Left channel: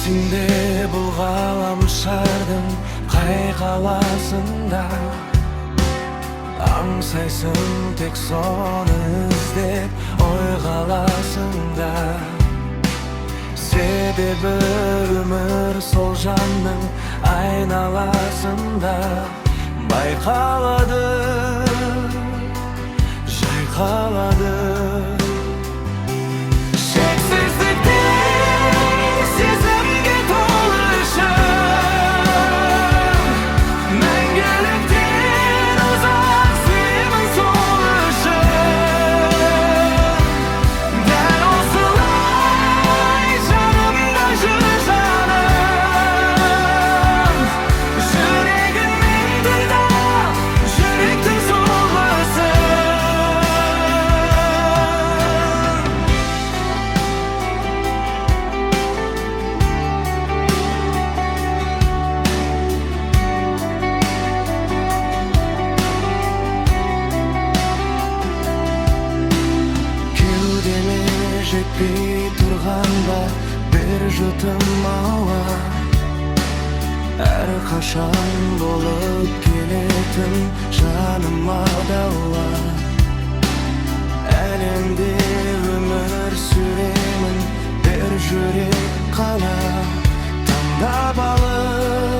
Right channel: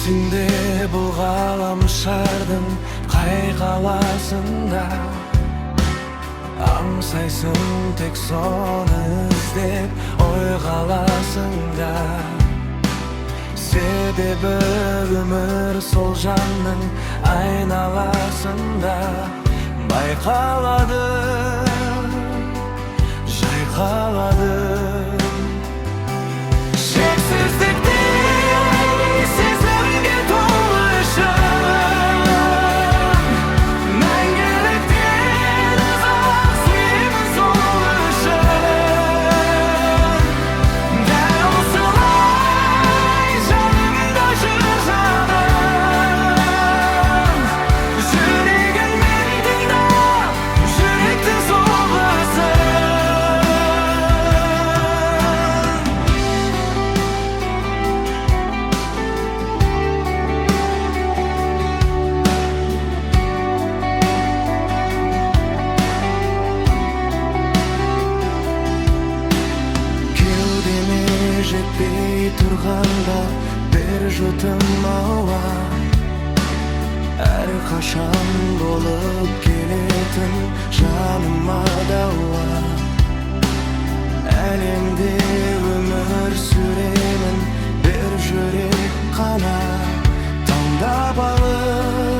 Есіңде бұл ғалам шардың қай қаласында, аңсайсың тек соны іздеп ой қаласыңда. Себебі өмір сол жанның айналасында байқалады, жайқалады. Шексіздікте сезімге толы шын, мәңгіліктен ұзақ сүйемін сол үшін. Дәл осылай жанымда жүр жаным, жүрегіңмен тыңдап жүректің соғысын. Кеудеме жетпей тұрғанда бір жұтым ауа, әрқашан болып келетін жаныма дауа. Әлемде өмір сүремін бір жүрек қана таңдап алып.